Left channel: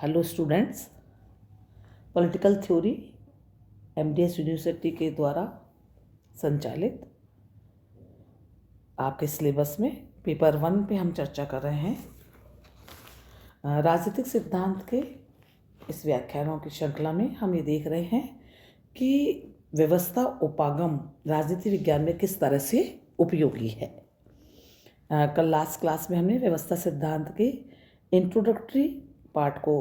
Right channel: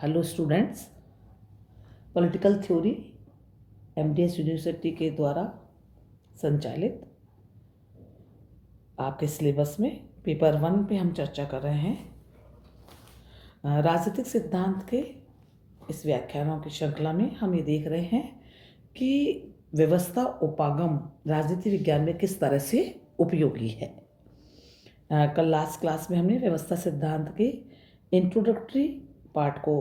Hello students, political theory MDS university के द्वारा संचालित आपके सिलेबस में पेपर 1 पे हम चर्चा कर रहे हैं। राजनीतिक सिद्धांत के इस व्याख्यानों की श्रृंखला में हम ये देख रहे हैं कि व्यवस्था उपागम राजनीति विज्ञान में किस तरह से उपयोगी है। कल लास्ट क्लास में हमने व्यवस्था सिद्धांत के इंट्रोडक्टरी पार्ट को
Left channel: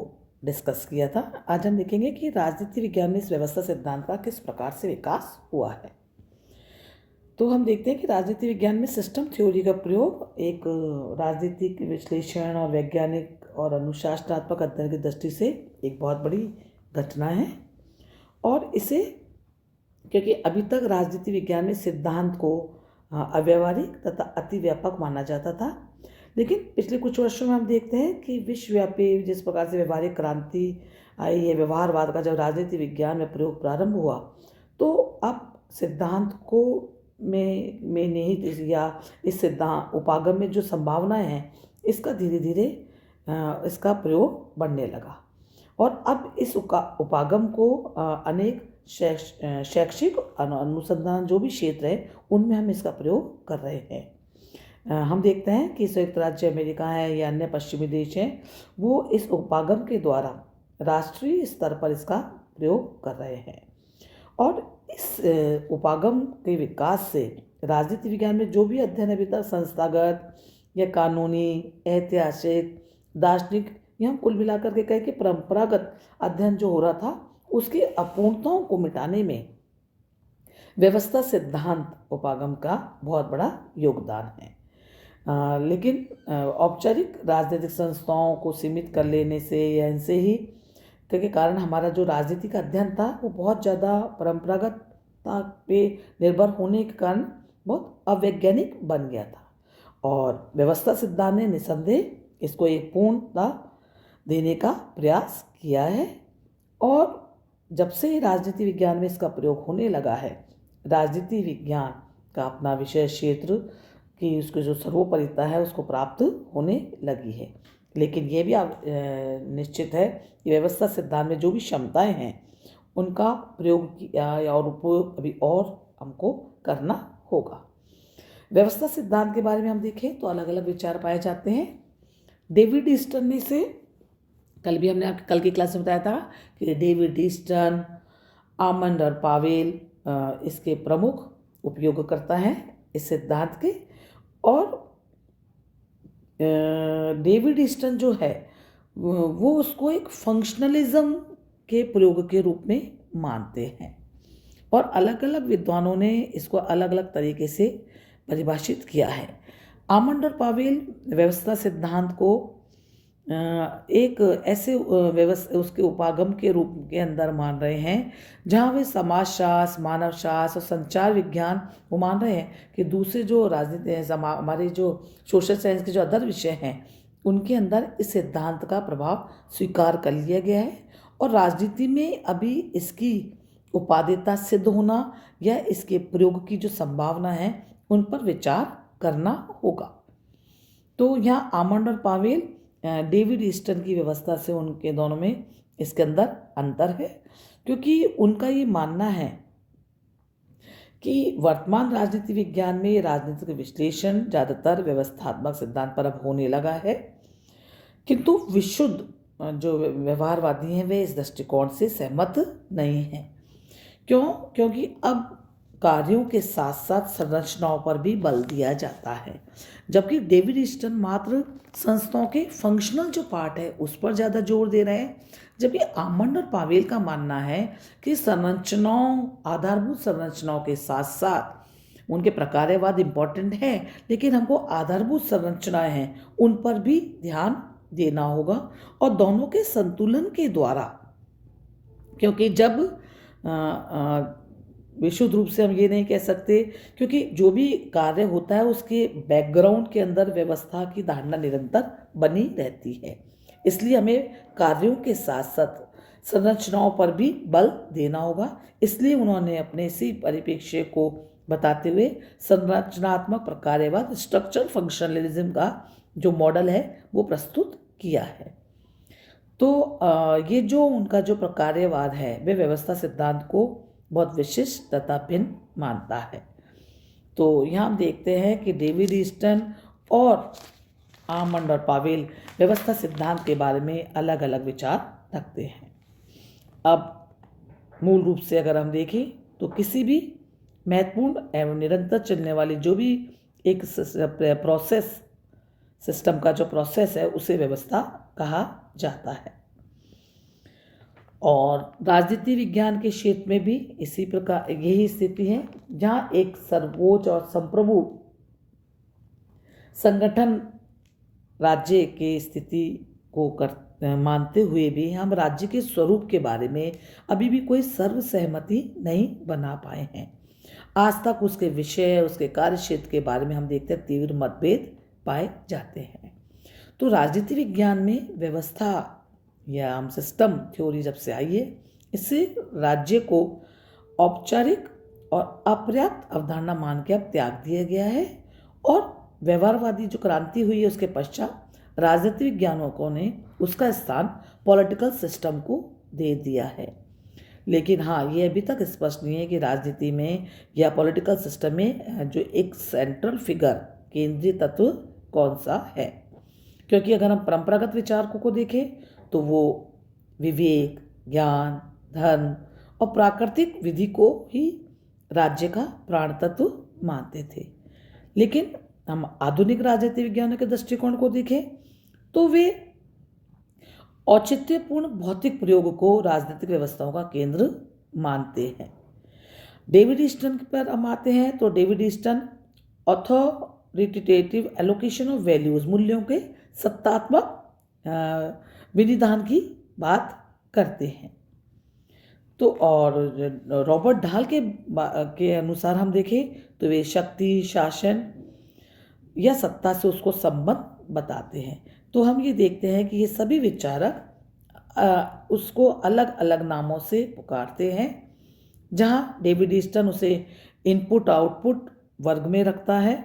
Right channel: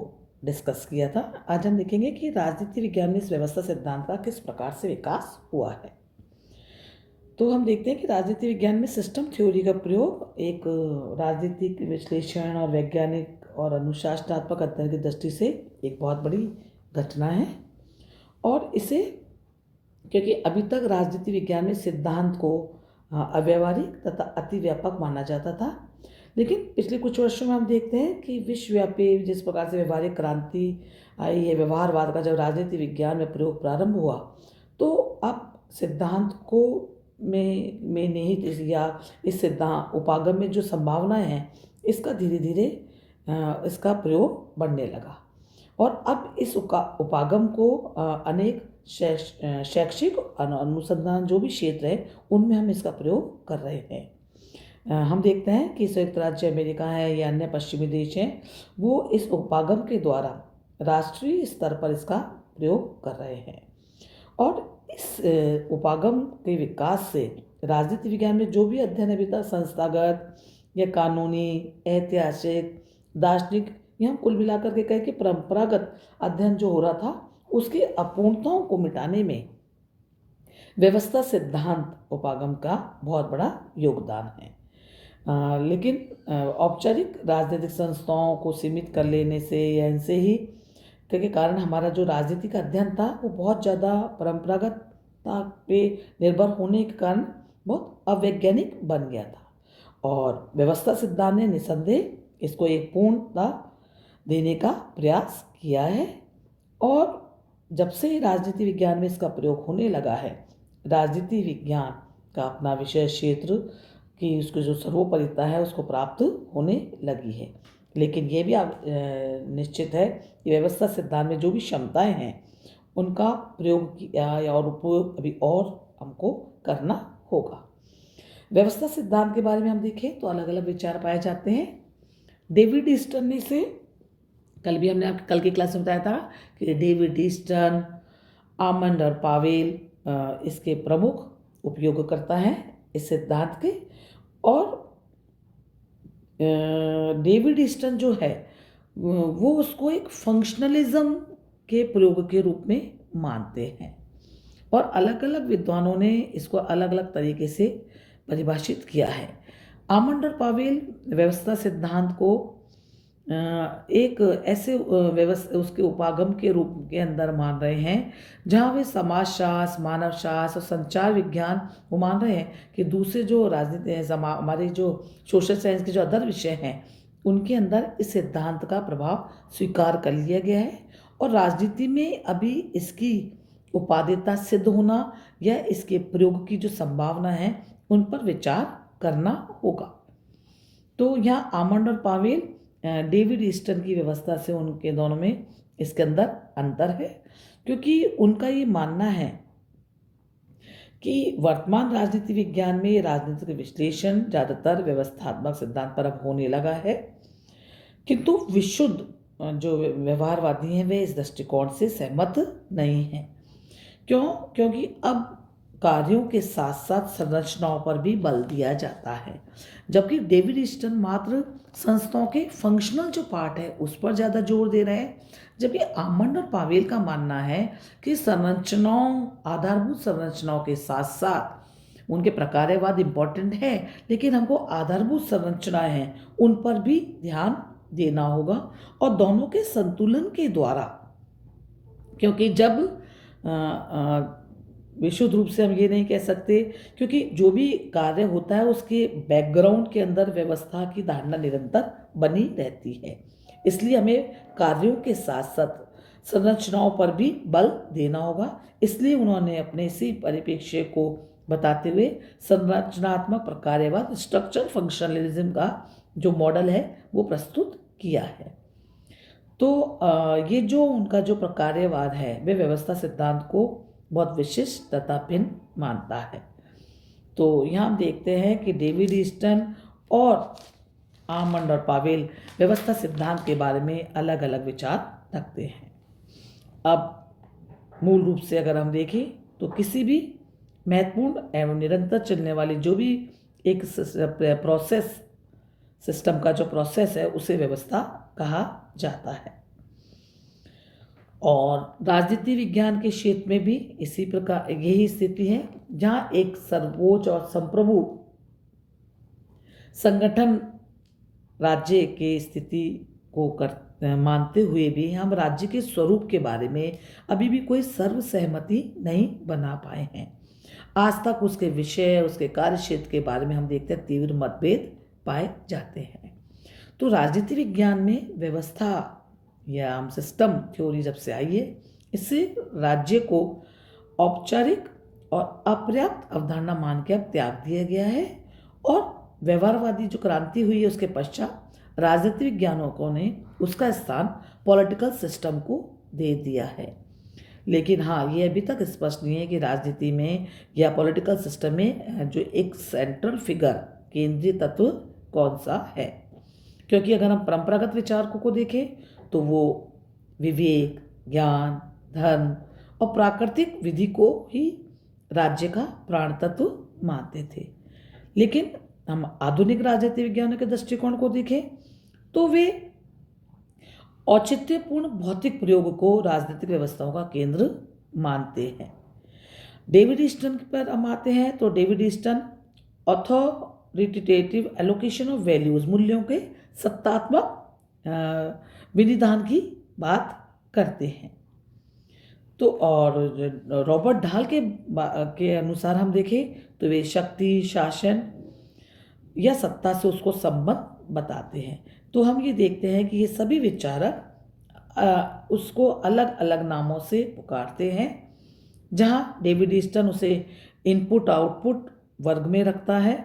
डिस्कस किया था। आज हम देखेंगे कि राजनीति विज्ञान में इस व्यवस्था सिद्धांत का किस प्रकार से विकास हुआ है। तो हम देखते हैं कि राजनीति विज्ञान में सिस्टम थ्योरी का प्रयोग एक राजनीतिक विश्लेषण और वैज्ञानिक और अनुशासनात्मक अध्ययन की दृष्टि से एक बहुत बड़ी घटना है। और इसे क्योंकि अभी तक राजनीति विज्ञान में सिद्धांत को अव्यावहारिक तथा अतिव्यापक माना जाता था, लेकिन पिछले कुछ वर्षों में हम देखते हैं कि विश्वव्यापी जिस प्रकार से व्यवहारिक क्रांति आई है, व्यवहारवाद का जब राजनीति विज्ञान में प्रयोग प्रारंभ हुआ, तो अब सिद्धांत को में निहित या इस सिद्धांत उपागम में जो संभावनाएं हैं, इसका धीरे धीरे इसका प्रयोग बढ़ने लगा। और अब इस उपागम को अनेक शैक्षिक अनुसंधान जो भी क्षेत्र है उनमें हम इसका प्रयोग कर रहे हैं। हम देखते हैं कि संयुक्त राज्य अमेरिका है या अन्य पश्चिमी देश हैं, वो इस उपागम के द्वारा राष्ट्रीय स्तर पर इसका प्रयोग कर रहे हैं। और इस उपागम के विकास से राजनीति विज्ञान में जो भी अध्ययन अभी तक संस्थागत या कानूनी, ऐतिहासिक, दार्शनिक या हम कुल मिलाकर के कहें कि परंपरागत अध्ययन जो हो रहा था, उसकी अपूर्णताओं को मिटाने में व्यवस्था सिद्धांत उपागम का बहुत बड़ा योगदान है। लेकिन औपचारिक राजनीतिक संस्थाओं को सीमित कर लेने से या इनसे ही के कारण हमारा जो राजनीतिक अध्ययन था वो बहुत ज़्यादा परंपरागतता पे निर्भर होने के कारण बहुत अवैज्ञानिक बन गया था। और व्यवस्था सिद्धांत ने निसंदेह इसको एक पूर्णता देने का प्रयास किया है। और जब से राजनीति विज्ञान में इसका प्रयोग होने लगा है, राजनीति विज्ञान का अपना विषय क्षेत्र की उसको जो सर्वोपरिता है उसको प्राप्त होने लगी है। लेकिन ये भी निश्चित है कि व्यवस्था सिद्धांत में जो भी क्षमताएं हैं उनका प्रयोग किया और उपयोग अभी और हमको करना होगा। व्यवस्था सिद्धांत के बारे में हम देखें तो अलग अलग विचार पाए जाते हैं। डेविड ईस्टन ने इसे हमने कल की क्लास में बताया था कि डेविड ईस्टन, आमंड और पावेल इसके प्रमुख उपयोगकर्ता हैं इस सिद्धांत के। और डेविड ईस्टन जो है वो उसको एक फंक्शनलिज्म के प्रयोग के रूप में मानते हैं। और अलग अलग विद्वानों ने इसको अलग अलग तरीके से परिभाषित किया है। आमंड और पावेल व्यवस्था सिद्धांत को एक ऐसे व्यवस्था उसके उपागम के रूप के अंदर मान रहे हैं जहाँ वे समाजशास्त्र, मानव शास्त्र और संचार विज्ञान वो मान रहे हैं कि दूसरे जो राजनीति है, हमारे जो सोशल साइंस के जो अदर विषय हैं उनके अंदर इस सिद्धांत का प्रभाव स्वीकार कर लिया गया है। और राजनीति में अभी इसकी उपादेयता सिद्ध होना या इसके प्रयोग की जो संभावना है उन पर विचार करना होगा। तो यहाँ आमंड और पावेल डेविड ईस्टन की व्यवस्था से उनके दोनों में इसके अंदर अंतर है, क्योंकि उनका ये मानना है कि वर्तमान राजनीति विज्ञान में राजनीतिक विश्लेषण ज़्यादातर व्यवस्थात्मक सिद्धांत पर अब होने लगा है, किंतु विशुद्ध जो व्यवहारवादी हैं वे इस दृष्टिकोण से सहमत नहीं हैं। क्यों? क्योंकि अब कार्यों के साथ साथ संरचनाओं पर भी बल दिया जाता है, जबकि डेविड ईस्टन मात्र संस्थाओं के फंक्शनल जो पार्ट है उस पर ज़्यादा जोर दे रहे हैं। जबकि आमंड और पावेल का मानना है कि संरचनाओं, आधारभूत संरचनाओं के साथ साथ उनके प्रकार्यवाद इम्पोर्टेंट है, लेकिन हमको आधारभूत संरचनाएं हैं उन पर भी ध्यान देना होगा। और दोनों के संतुलन के द्वारा, क्योंकि जब विशुद्ध रूप से हम ये नहीं कह सकते, क्योंकि जो भी कार्य होता है उसके बैकग्राउंड के अंदर व्यवस्था की धारणा निरंतर बनी रहती है। इसलिए हमें कार्यों के साथ साथ संरचनाओं पर भी बल देना होगा। इसलिए उन्होंने अपने इसी परिप्रेक्ष्य को बताते हुए संरचनात्मक प्रकार्यवाद, स्ट्रक्चर फंक्शनलिज्म का जो मॉडल है वो प्रस्तुत किया है। तो ये जो उनका जो प्रकार्यवाद है वे व्यवस्था सिद्धांत को बहुत विशिष्ट तथा भिन्न मानता है। तो यहाँ हम देखते हैं कि डेविड ईस्टन और आमंड और पावेल व्यवस्था सिद्धांत के बारे में अलग अलग विचार रखते हैं। अब मूल रूप से अगर हम देखें तो किसी भी महत्वपूर्ण एवं निरंतर चलने वाली जो भी एक प्रोसेस सिस्टम का जो प्रोसेस है उसे व्यवस्था कहा जाता है। और राजनीति विज्ञान के क्षेत्र में भी इसी प्रकार यही स्थिति है, जहाँ एक सर्वोच्च और संप्रभु संगठन राज्य की स्थिति को मानते हुए भी हम राज्य के स्वरूप के बारे में अभी भी कोई सर्वसहमति नहीं बना पाए हैं। आज तक उसके विषय, उसके कार्य क्षेत्र के बारे में हम देखते हैं तीव्र मतभेद पाए जाते हैं। तो राजनीति विज्ञान में व्यवस्था या हम सिस्टम थ्योरी जब से आई है, इससे राज्य को औपचारिक और अपर्याप्त अवधारणा मान के अब त्याग दिया गया है और व्यवहारवादी जो क्रांति हुई है उसके पश्चात राजनीति विज्ञानकों ने उसका स्थान पॉलिटिकल सिस्टम को दे दिया है। लेकिन हाँ, ये अभी तक स्पष्ट नहीं है कि राजनीति में या पॉलिटिकल सिस्टम में जो एक सेंट्रल फिगर, केंद्रीय तत्व कौन सा है। क्योंकि अगर हम परंपरागत विचारकों को देखें तो वो विवेक, ज्ञान, धन और प्राकृतिक विधि को ही राज्य का प्राण तत्व मानते थे। लेकिन हम आधुनिक राजनीति विज्ञान के दृष्टिकोण को देखें तो वे औचित्यपूर्ण भौतिक प्रयोग को राजनीतिक व्यवस्थाओं का केंद्र मानते हैं। डेविड ईस्टन पर हम आते हैं तो David Easton authoritative allocation of values, मूल्यों के सत्तात्मक विनिधान की बात करते हैं। तो और रॉबर्ट ढाल के अनुसार हम देखें तो वे शक्ति, शासन या सत्ता से उसको संबंध बताते हैं। तो हम ये देखते हैं कि ये सभी विचारक उसको अलग अलग नामों से पुकारते हैं, जहाँ डेविड ईस्टन उसे इनपुट आउटपुट वर्ग में रखता है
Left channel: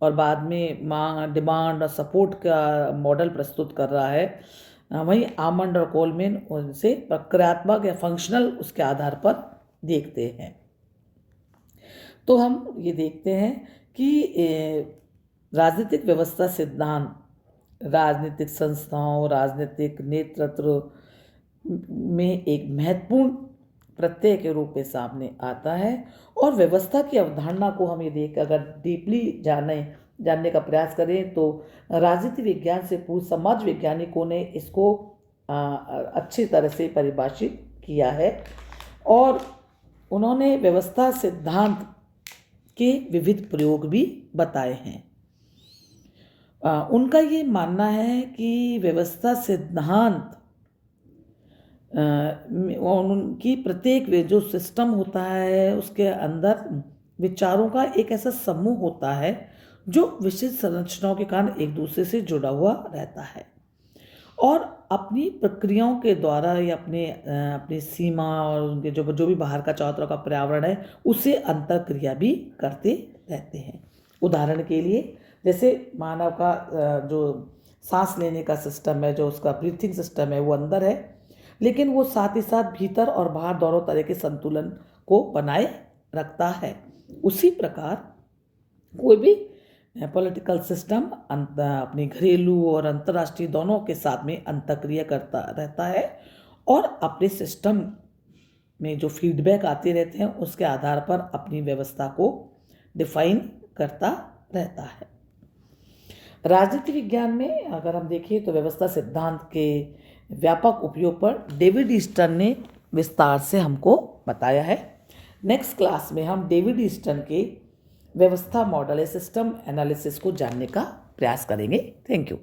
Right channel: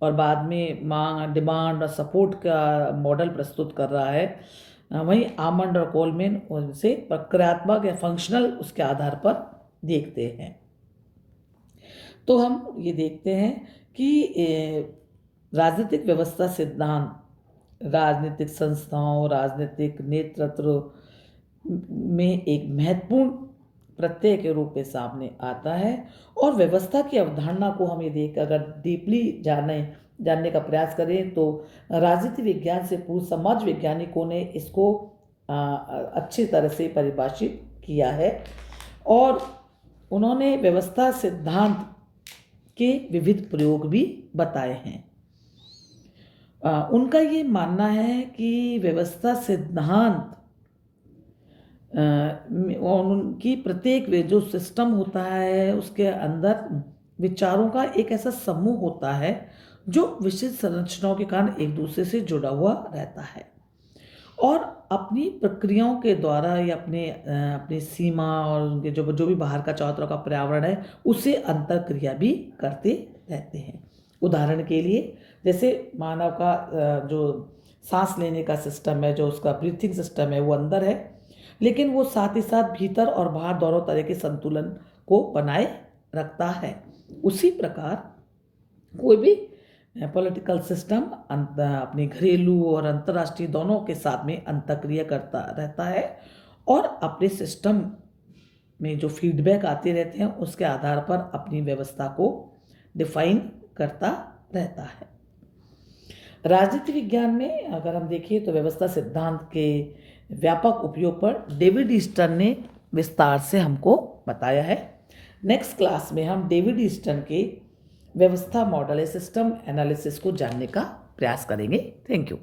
और बाद में मांग, डिमांड और सपोर्ट का मॉडल प्रस्तुत कर रहा है। वहीं आमंड और कोलमैन उनसे प्रक्रियात्मक या फंक्शनल उसके आधार पर देखते हैं। तो हम ये देखते हैं कि राजनीतिक व्यवस्था सिद्धांत राजनीतिक संस्थाओं, राजनीतिक नेतृत्व में एक महत्वपूर्ण प्रत्यय के रूप में सामने आता है। और व्यवस्था की अवधारणा को हम ये देख अगर डीपली जानने का प्रयास करें तो राजनीति विज्ञान से पूर्व समाज वैज्ञानिकों ने इसको अच्छी तरह से परिभाषित किया है और उन्होंने व्यवस्था सिद्धांत के विविध प्रयोग भी बताए हैं। उनका ये मानना है कि व्यवस्था सिद्धांत उनकी प्रत्येक जो सिस्टम होता है उसके अंदर विचारों का एक ऐसा समूह होता है जो विशिष्ट संरचनाओं के कारण एक दूसरे से जुड़ा हुआ रहता है और अपनी प्रक्रियाओं के द्वारा या अपनी सीमा और उनके जो भी बाहर का चारों तरफ का पर्यावरण है उससे अंतर्क्रिया भी करते रहते हैं। उदाहरण के लिए जैसे मानव का जो सांस लेने का सिस्टम है, जो उसका ब्रीथिंग सिस्टम है वो अंदर है, लेकिन वो साथ ही साथ भीतर और बाहर दोनों तरह के संतुलन को बनाए रखता है। उसी प्रकार कोई भी पॉलिटिकल सिस्टम अपने घरेलू और अंतर्राष्ट्रीय दोनों के साथ में अंतर्क्रिया करता रहता है और अपने सिस्टम में जो फीडबैक आते रहते हैं उसके आधार पर अपनी व्यवस्था को डिफाइन करता रहता है। राजनीति विज्ञान में अगर हम देखें तो व्यवस्था सिद्धांत के व्यापक उपयोग पर डेविड ईस्टन ने विस्तार से हमको बताया है। नेक्स्ट क्लास में हम डेविड ईस्टन के व्यवस्था मॉडल सिस्टम एनालिसिस को जानने का प्रयास करेंगे। Thank you.